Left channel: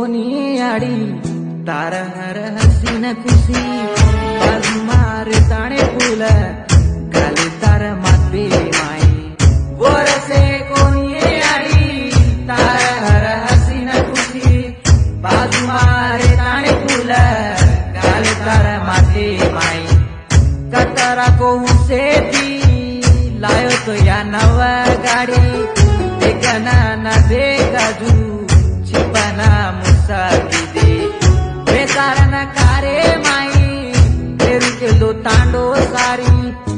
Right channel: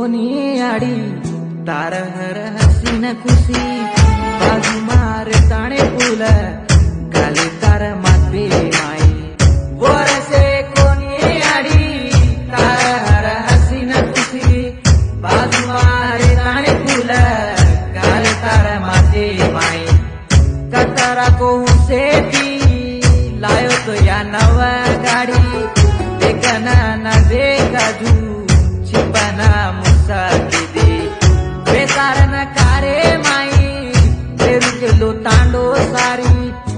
कोनी आड़ी तार हर हसीन खुशी बाजू मारे ताणे पुल गाले तार माते माई वरसे कोनी आड़ी तार हर हसीन खुशी बाजू मारे ताणे पुल गाले तार माते माई कतरा को से थी लायो तो या नवा गाड़ी देखना न देखा जू छिपना मुसा की दे बेकार न कारे माई तेरू के लो तांडो सारी